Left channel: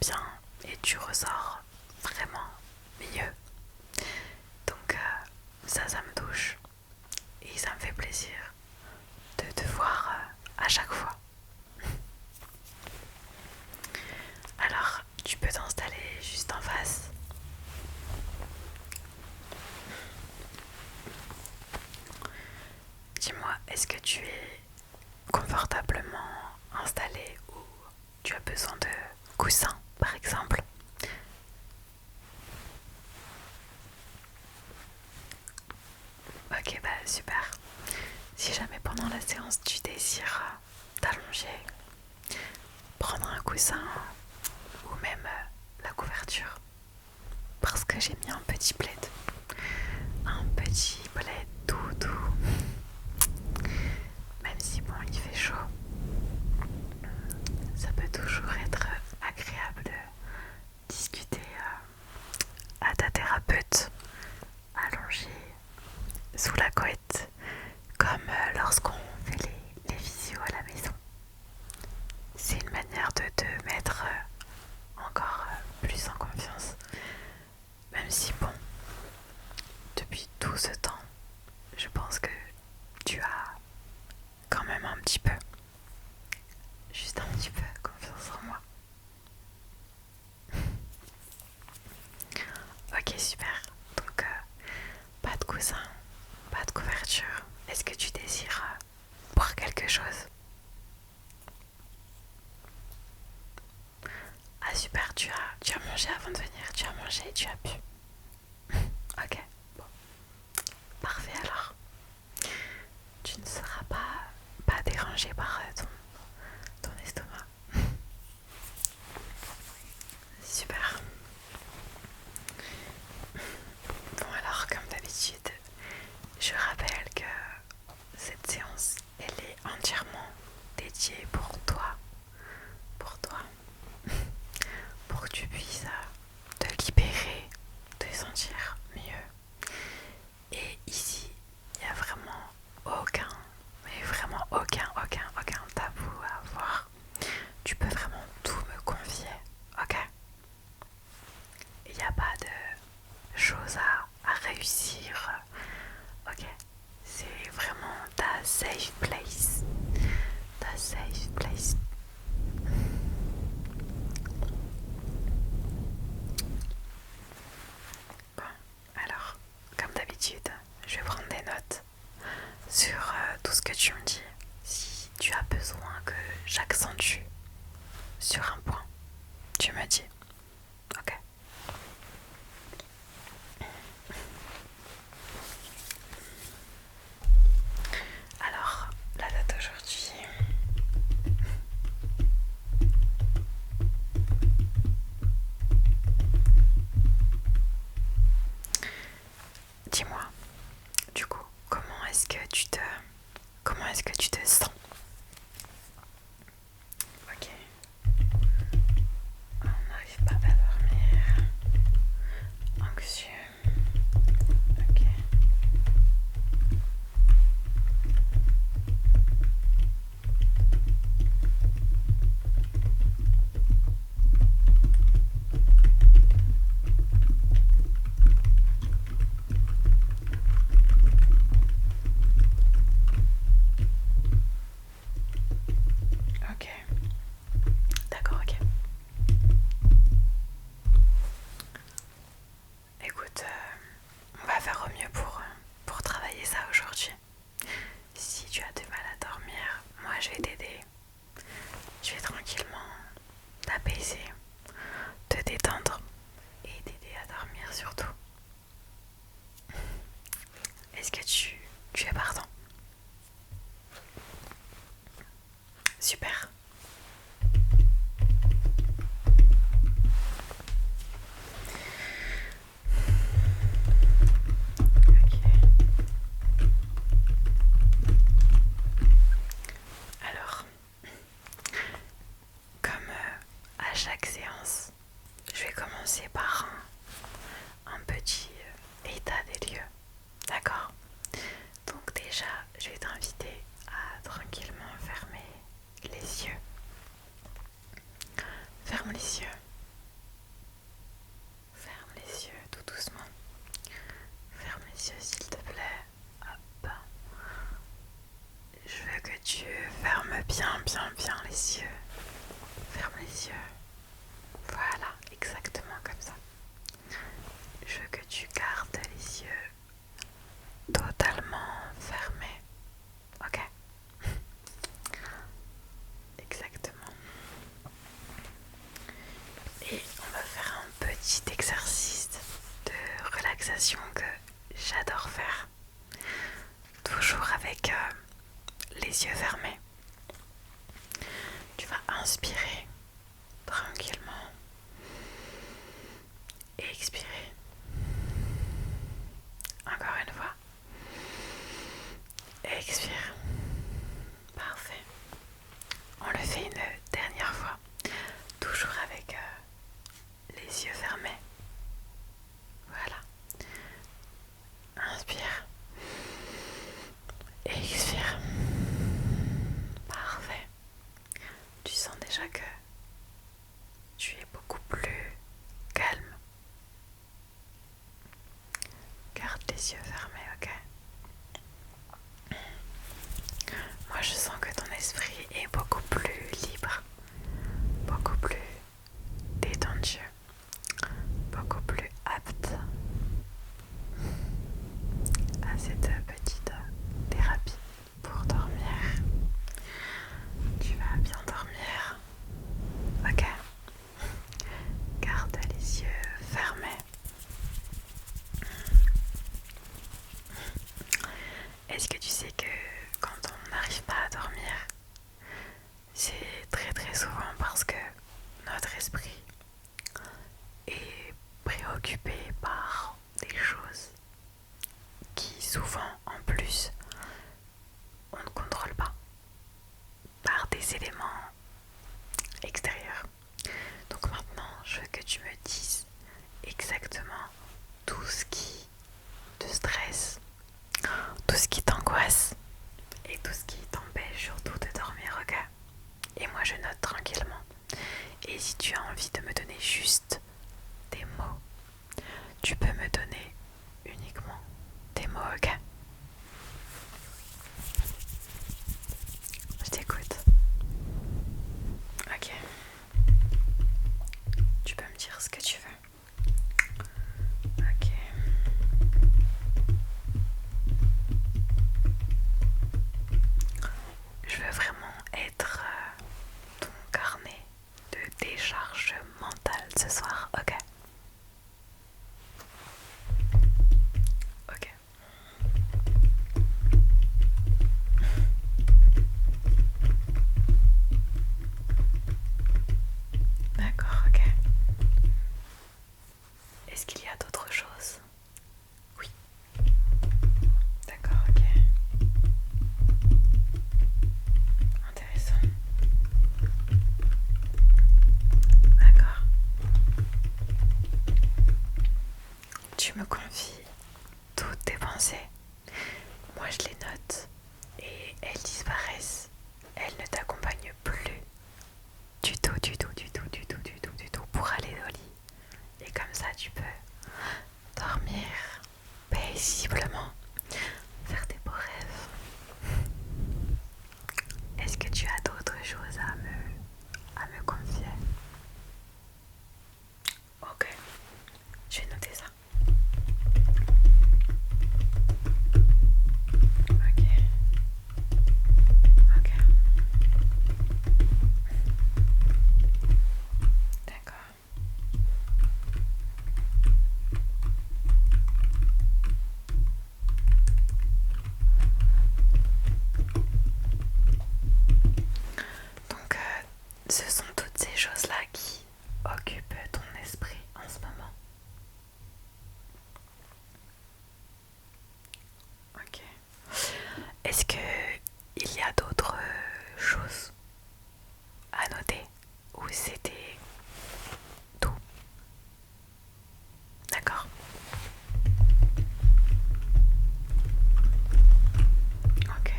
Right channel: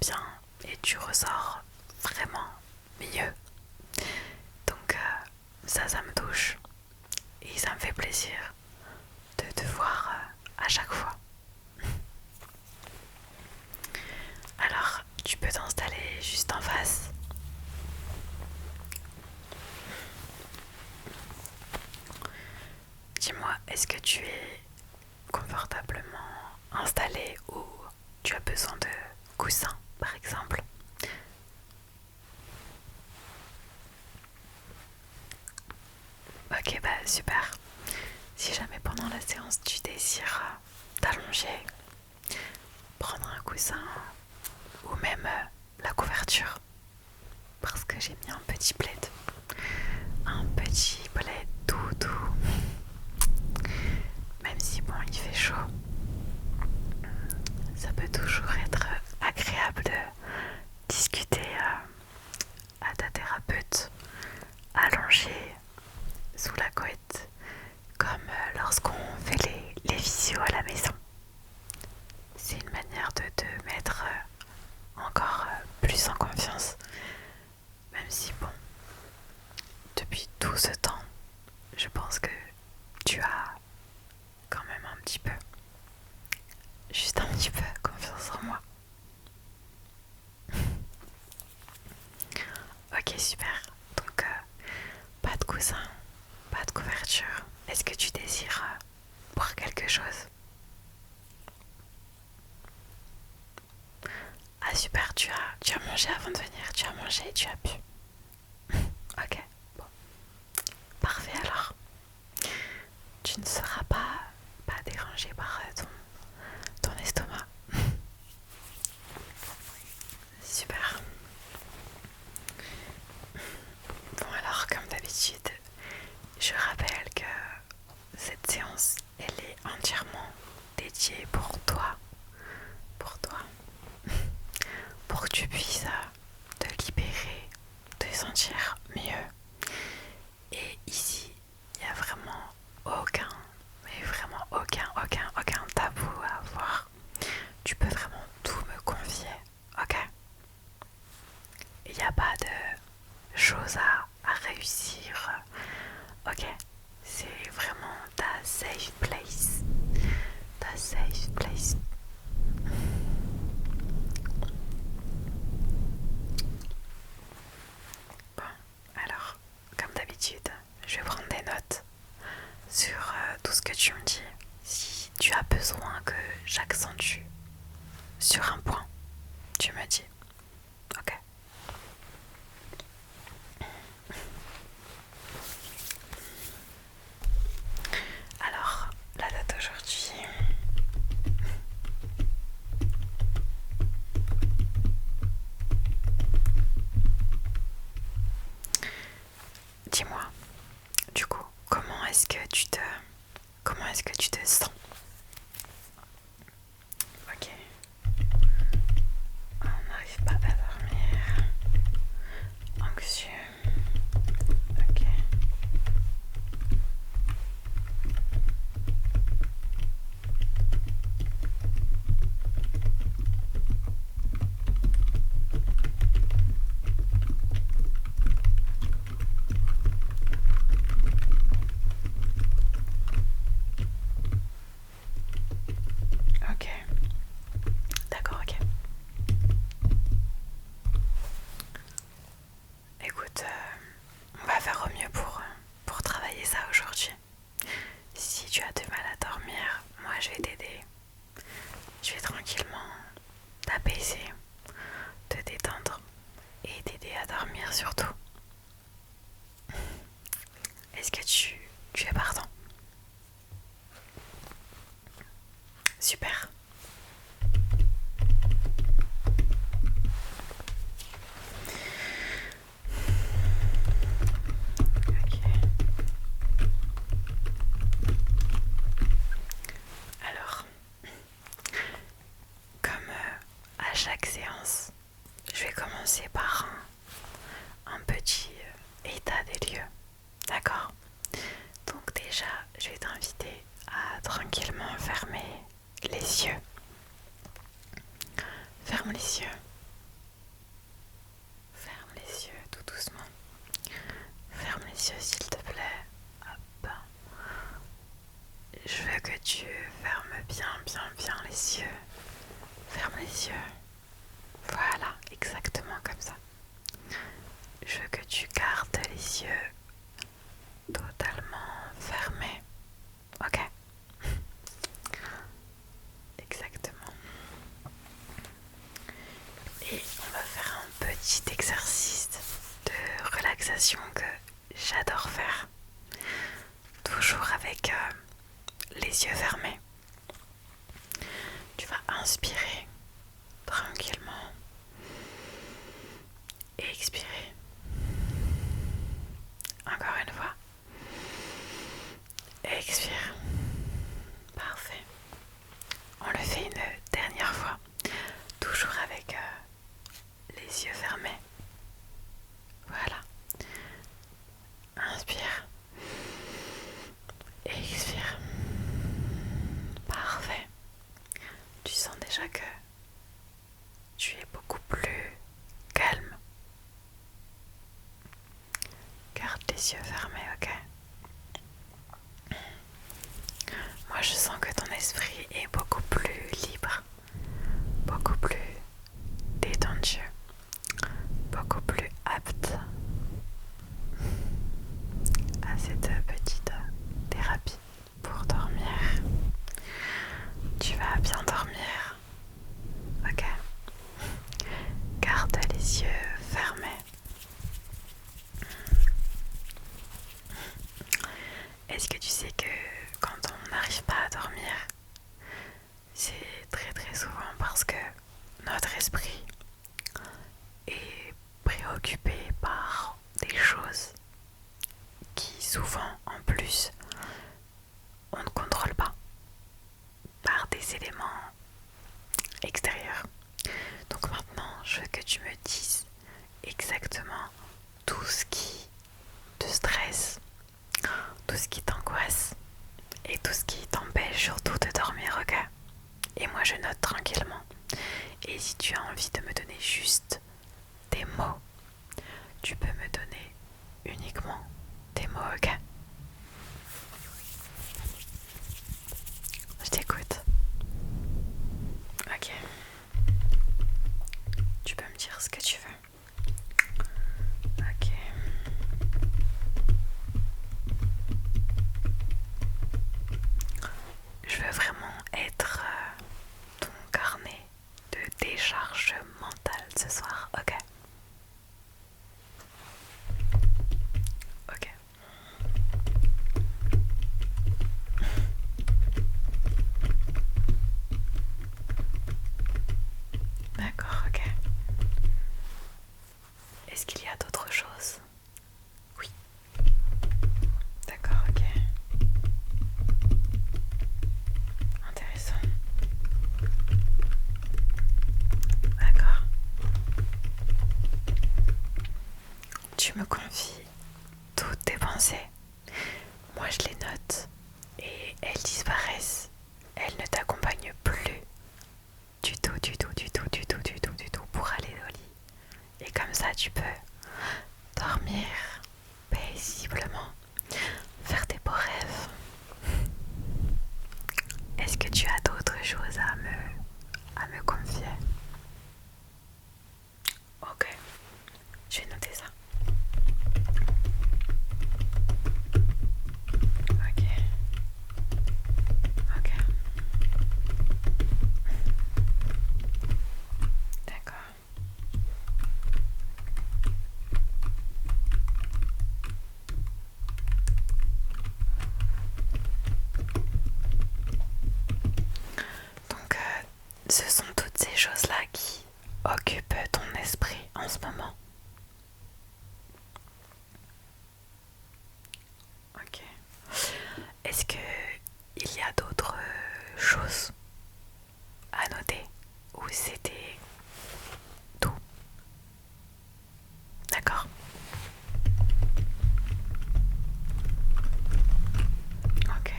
bien et tu ressors vraiment mieux. Donc ça me touche et ça me fait plaisir de te voir à chaque fois. Alors, tu peux t'installer juste en face. Dis-moi, est-ce que tu es confortablement installé ou tu as besoin de coussins, par exemple? Ok, bah super. Si jamais pendant la séance tu désires t'allonger, prendre un coussin ou même la couverture, parce que j'ai mis un petit plaid. Un petit plaid tout doux. Même si bon, il fait chaud, ça peut toujours être agréable de discuter à ta thérapeute allongée sous la couette, comme lorsqu'on fait les visios à la maison. C'est une manière de te mettre encore plus en confiance, même si bon, depuis tout ce temps, je pense que tu as quand même un petit peu, juste un petit peu confiance en moi. Ok, super. Donc pas de coussin, pas de couverture. Est-ce que tu désires boire quelque chose? Ah super, tu as mangé avant de venir, tu as mangé, tu as bu. Ok, bon, parfait alors. Tu ne seras pas dérangé par ton estomac. Super. Bon alors, comme d'habitude, je rappelle que cette séance, elle est entièrement dédiée pour toi, pour que tu puisses te libérer, te sentir mieux. Et ici, il n'y a vraiment aucun, mais vraiment aucun tabou à avoir. Tu peux vraiment tout me confier, ok? Il n'y a pas de choses à réussir, ok? C'est vraiment ta safe place. Ta safe place. Bon, alors, comme d'habitude, je vais prendre des notes sur tout ce que tu me dis. Si tu as besoin que j'accentue sur un point, tu me dis, ok? Alors, la date d'aujourd'hui, dis-moi, du coup, comment est-ce que tu te sens? Ok, on n'arrive pas à dormir, anxieux, ok. Ok, d'accord, ok. relaxation que j'adore faire, toujours avec les yeux fermés. Tu vas inspirer tranquillement et expirer. Encore une fois. Expire. Parfait. On le fait une dernière fois, toujours avec les yeux fermés. Voilà. Inspire. Expire. Parfait. Tu sens déjà que tu es beaucoup plus calme. Garde les yeux fermés, ok? Moi, je sens que ton esprit est beaucoup plus libre, beaucoup plus détendu, beaucoup plus apte à cette petite thérapie pour dormir. Tu vas bien dormir, ok? Garde les yeux fermés. Est-ce que tu sais que quand on n'arrive pas à dormir, c'est très très souvent parce que notre esprit est préoccupé par des choses qui souvent en plus on ne contrôle pas, par des éléments extérieurs. Donc maintenant je veux que tu me dises exactement tout ce qui te stresse, tout ce qui t'angoisse et tout ce qui t'empêche surtout de dormir, ok? Et moi je note tranquillement. Et si tu as envie de me donner juste des mots, tu peux me donner uniquement des mots, ok? Je t'écoute. Ok. Tu peux me dire ce que tu veux. Ok. Je veux vraiment être ton carnet de décharge mentale ce soir, ok? Ok. D'accord, ok. Est-ce qu'il y a d'autres choses? Oui. D'accord, ok. Intéressant. D'accord. Tu me confies toutes tes pensées. Moi je les note et elles disparaissent. Elles ne t'accompagnent plus du tout, du tout, du tout, du tout, du tout, du tout pour aller au lit. Et comme ça tu peux dormir paisiblement, faire des beaux rêves. Est-ce que tu as d'autres choses à me confier? Ok, je vais noter ça. Ok. Ok. D'accord. Donc, ce sont toutes ces choses-là qui occupent ton esprit en ce moment. Ok. Est-ce que il y a d'autres choses à noter ou c'était tout? D'accord. Ok.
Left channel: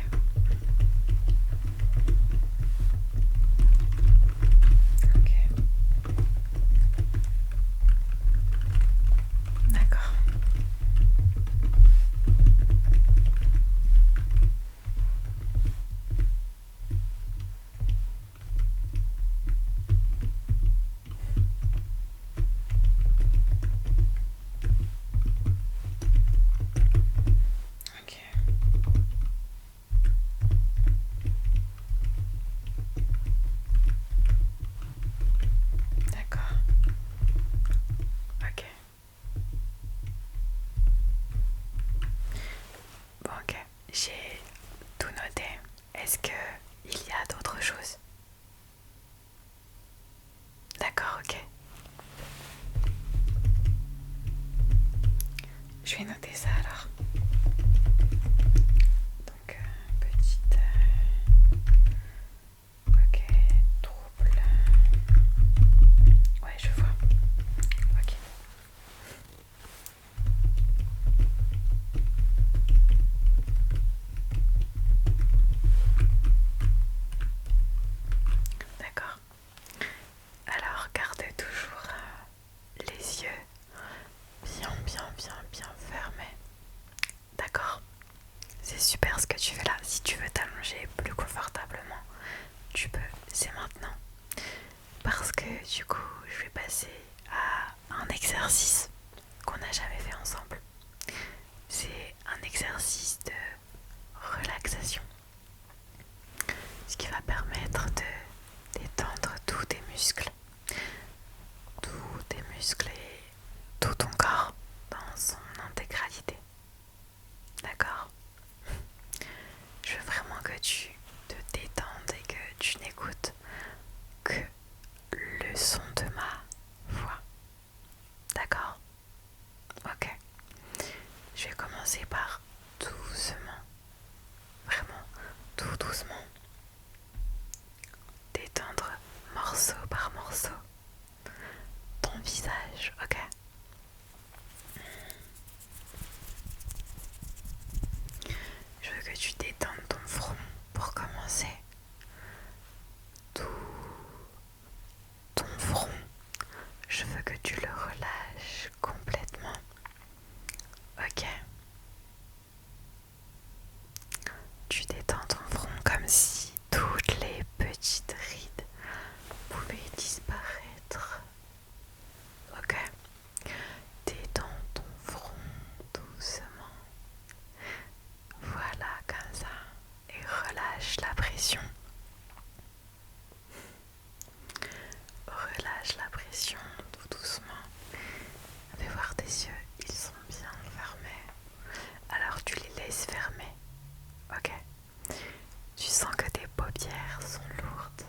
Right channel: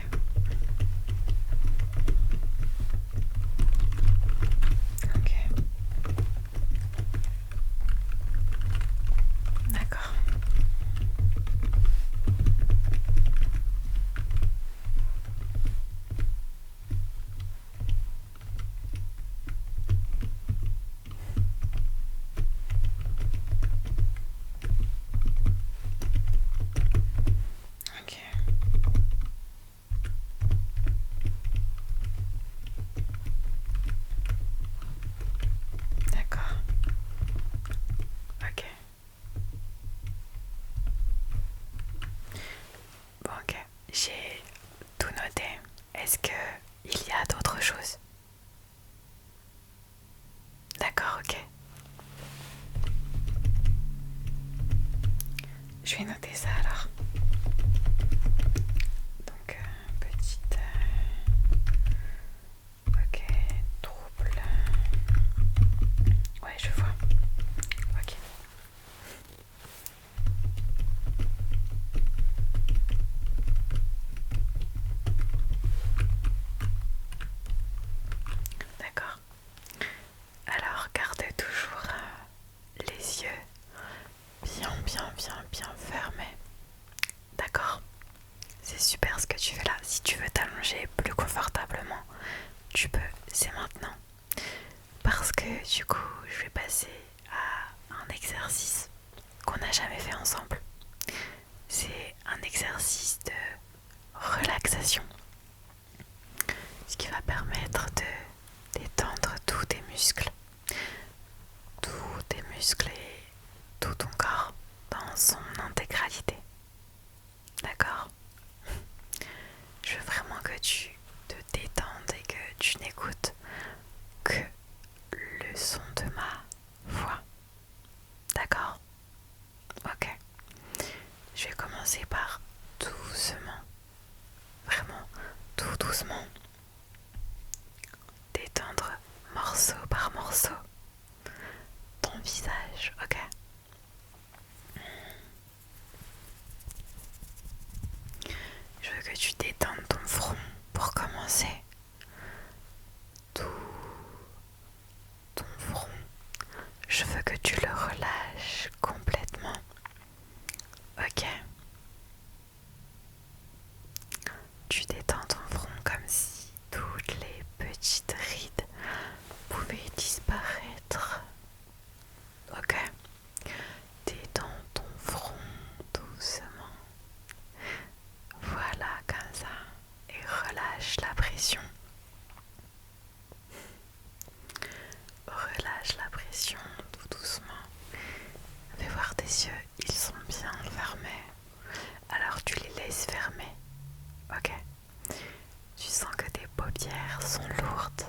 Ok. J'ai tout noté. Est-ce que il y a d'autres choses? D'accord, ok. Je vais noter ça alors. Donc, petite... ok, trouble. Ouais, je vois. Ok. D'accord. Alors, garde toujours les yeux bien fermés. D'accord? C'est super ce que tu fais là. Si tu veux t'allonger plus confortablement, tu peux. C'est maintenant. Parce que du coup, je vais passer à un exercice qu'on n'a jamais fait ensemble. C'est un exercice de relaxation. Ce qui va permettre de détendre tous tes muscles. Tous tes muscles et tout ton corps dans son intégralité. D'accord? Je veux vraiment que tu te détendes et que tu n'écoutes que le son de ma voix. D'accord? Ok. Je vais commencer par doucement, vraiment tout doucement, détendre morceau par morceau ton visage, ok? Je veux que tu détendes ton front pour commencer. Tout ton front, je veux que tu le relâches complètement, ok? Tu détends ton front comme si toutes les petites rides pouvaient disparaître. Ok? Détends ton front doucement. Voilà, comme ça. Et relâche la pression. Relâche la pression tout doucement. Fais voir tes yeux, ils sont bien fermés. Alors tu les laisses fermer. Ok? Tu sens que tes paupières sont lourdes.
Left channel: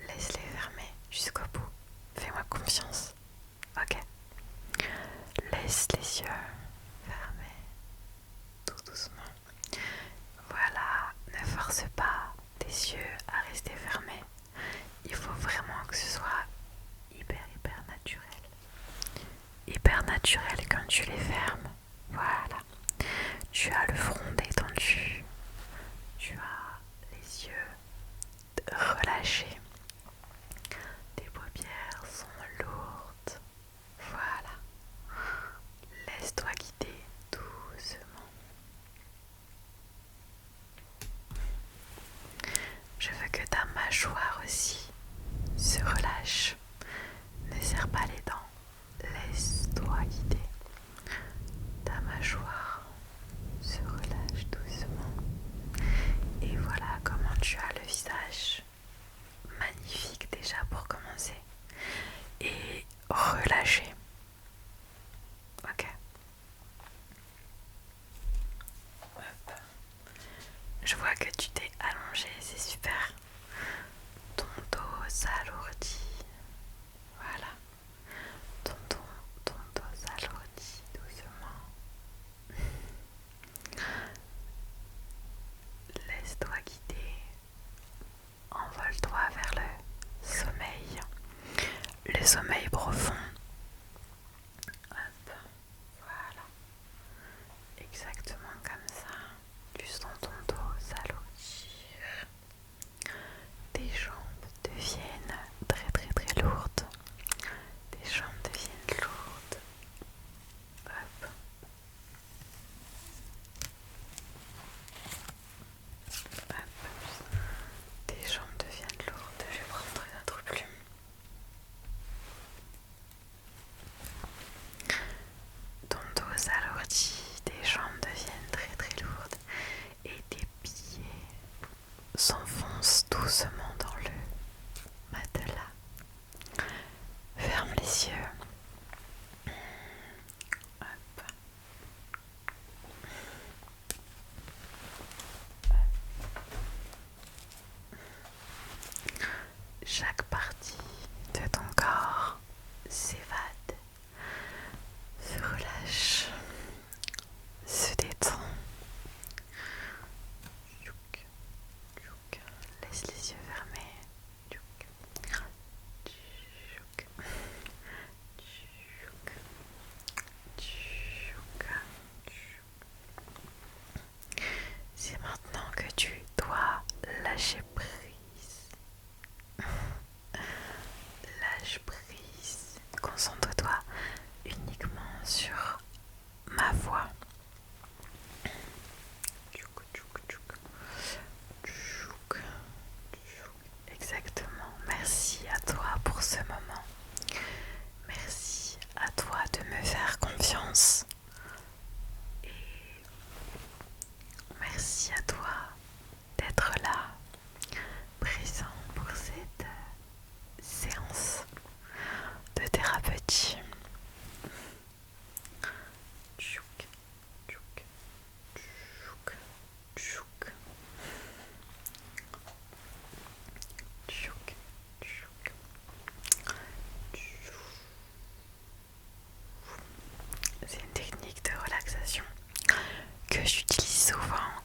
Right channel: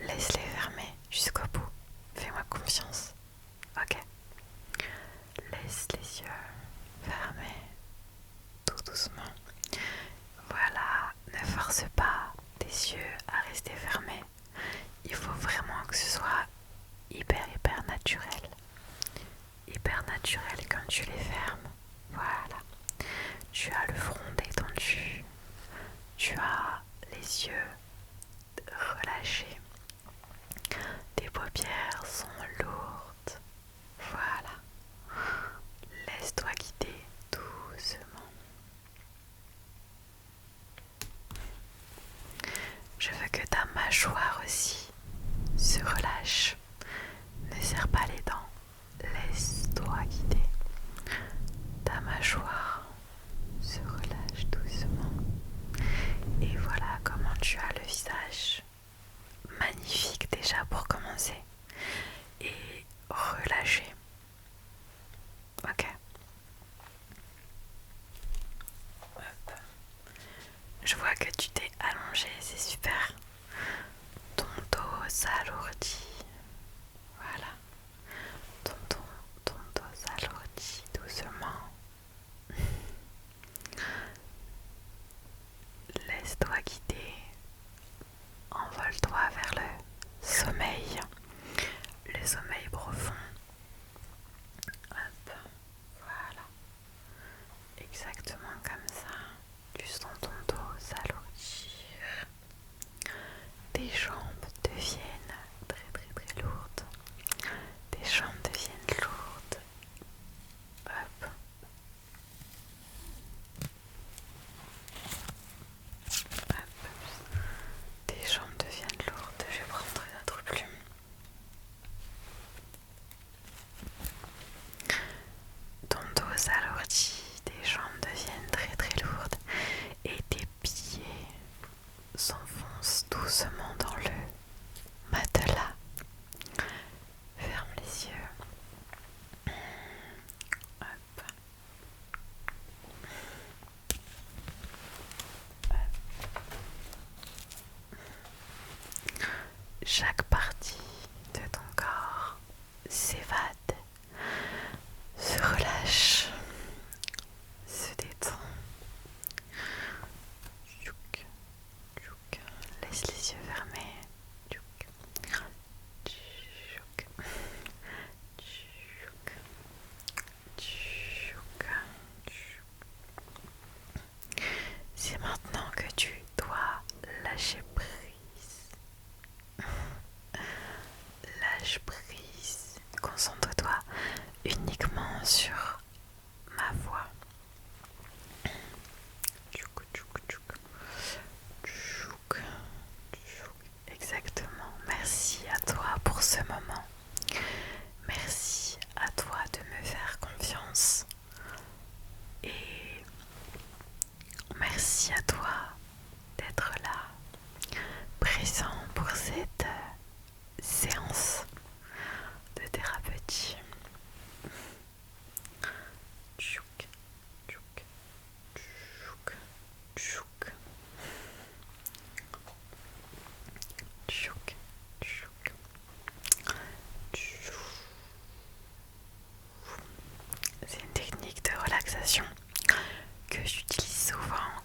Laisse-les fermer jusqu'au bout. Fais-moi confiance. Ok? Laisse les yeux fermés tout doucement. Voilà, ne force pas tes yeux à rester fermés. Il faut vraiment que ce soit hyper naturel. Hyper naturel quand tu les fermes. Voilà. Tu as le front détendu. Tu as les yeux relâchés. Tes paupières sont lourdes. Voilà. Laisse-toi guider doucement. Je veux que ta mâchoire aussi se relâche. Ne serre pas les dents. Laisse-toi guider. Ta mâchoire se relâche doucement. Et voilà comment tu as le visage magnifique déjà pour commencer. Et relâché. Ok. Hop. Je vois que tu t'es allongé, c'est super. Ton dos s'alourdit. Voilà. Ton dos s'alourdit doucement. Laisse-toi guider. Envole-toi vers le sommeil. Le sommeil profond. Hop. Voilà. Exactement comme ça. Tu sens ton dos s'alourdir. Tes jambes deviennent très lourdes. Tes jambes deviennent lourdes. Hop. Hop. Tes jambes deviennent lourdes. Je vais prendre une autre plume. Ton dos s'alourdit. Tes jambes deviennent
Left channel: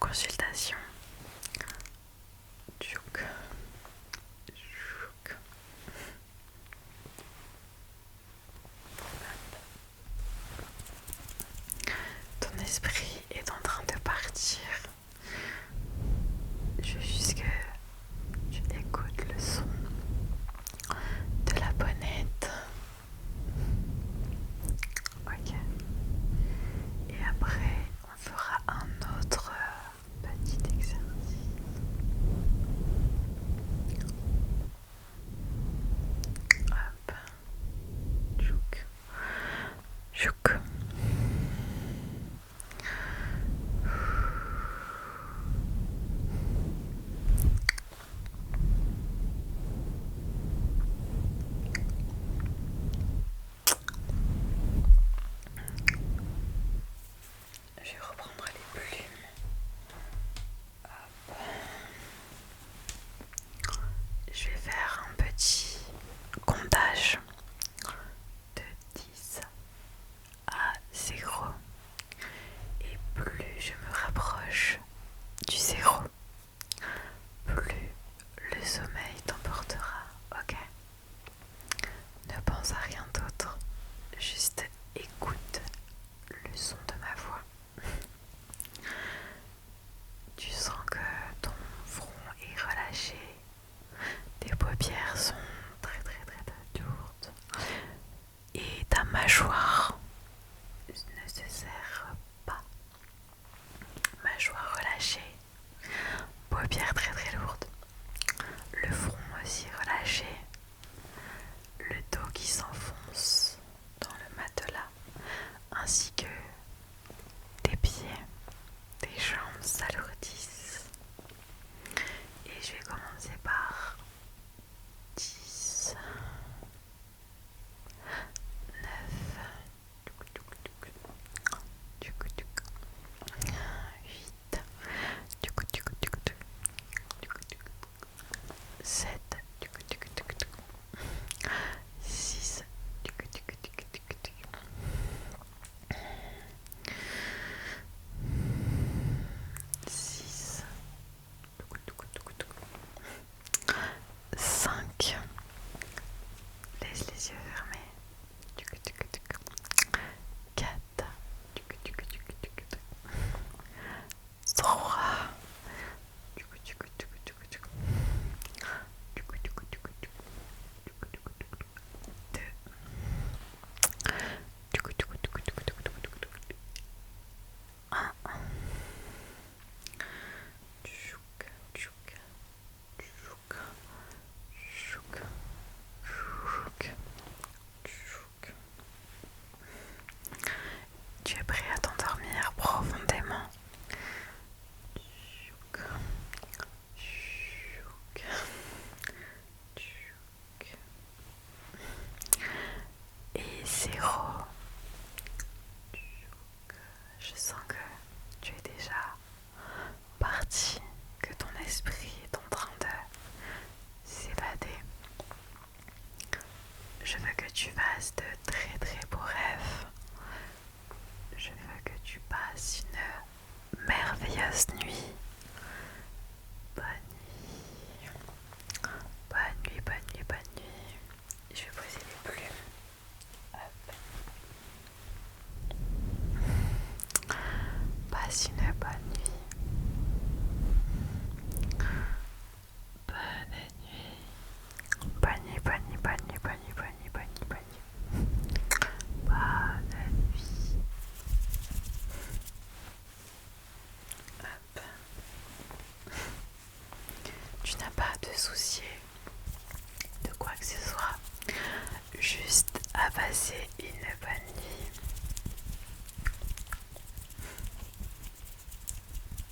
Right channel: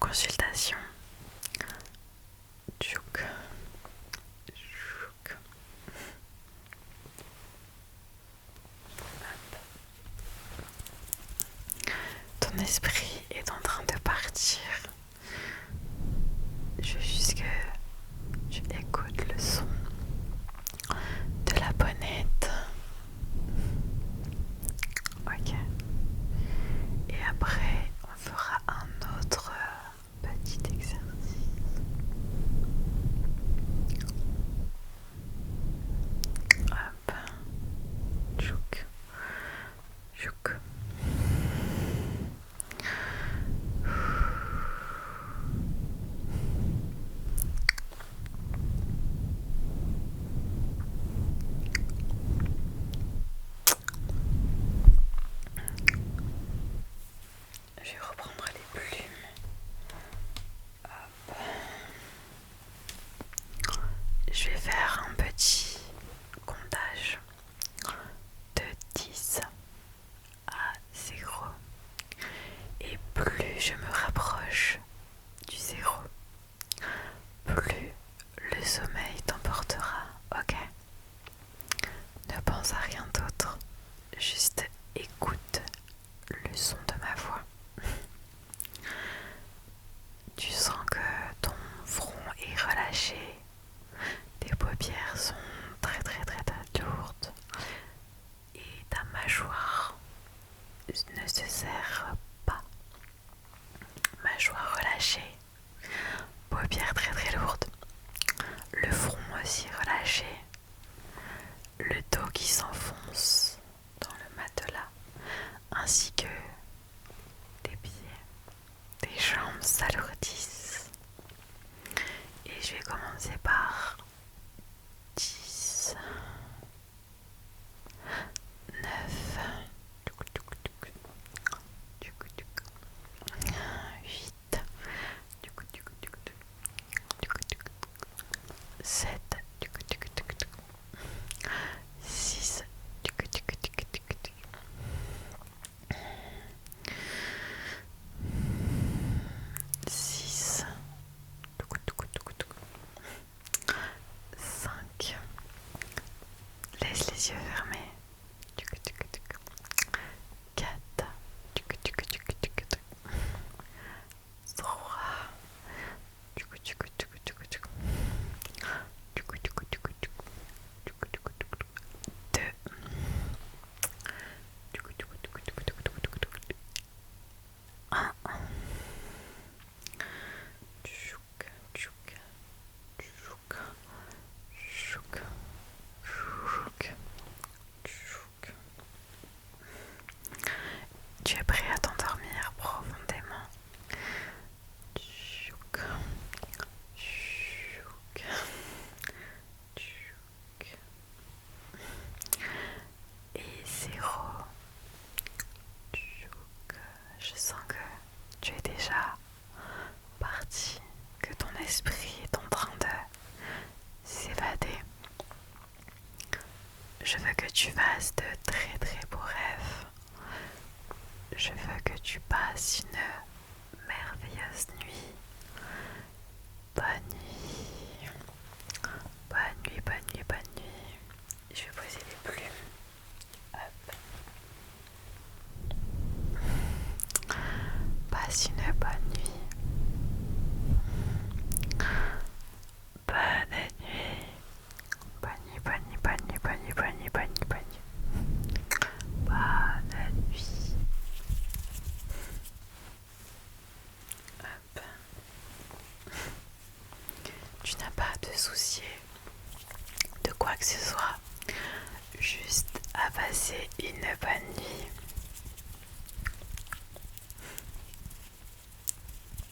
consultation. Tchouk, tchouk. Ton esprit est en train de partir. Je veux juste que tu écoutes le son de la bonnette. Ok. Et après, on fera un autre petit exercice. Hop. Tchouk. Tchouk. Je vais reprendre les plumes. Hop. Je vais faire un petit comptage de 10 à 0. Et plus je me rapproche du 0, plus le sommeil t'emportera. Ok? Ne pense à rien d'autre. Juste écoute le son de ma voix. Tu sens que ton front est relâché, tes paupières sont très lourdes et ta mâchoire ne se serre pas. Mâchoire relâchée, paupières très lourdes, le front aussi relâché, le dos qui s'enfonce dans le matelas, ainsi que tes pieds, tes jambes s'alourdissent. Et je vais commencer par 10, 9, 8, 7, 6, 6, 5, laisse les yeux fermés, 4, 3, 2, 1. Tchouk, tchouk, tchouk, tchouk, tchouk, tchouk. Tu es prêt à t'endormir profondément. Tchouk, tchouk, tchouk. Et 0. Tchouk. Je sens que tu es déjà parti, que ton esprit est en train de s'évader. Je veux que tu fasses de très beaux rêves. Je veux que tu passes une merveilleuse nuit. Bonne nuit. Bonne nuit, bonne nuit, bonne nuit. Je vais poser les plumes. Hop. Passe une bonne nuit. Bonne nuit. Bonne nuit, bonne nuit, bonne nuit, bonne nuit, bonne nuit, bonne nuit, bonne nuit. Bonne nuit. Hop. Tu n'as pas à te soucier de quoi que ce soit. Juste à passer une bonne nuit.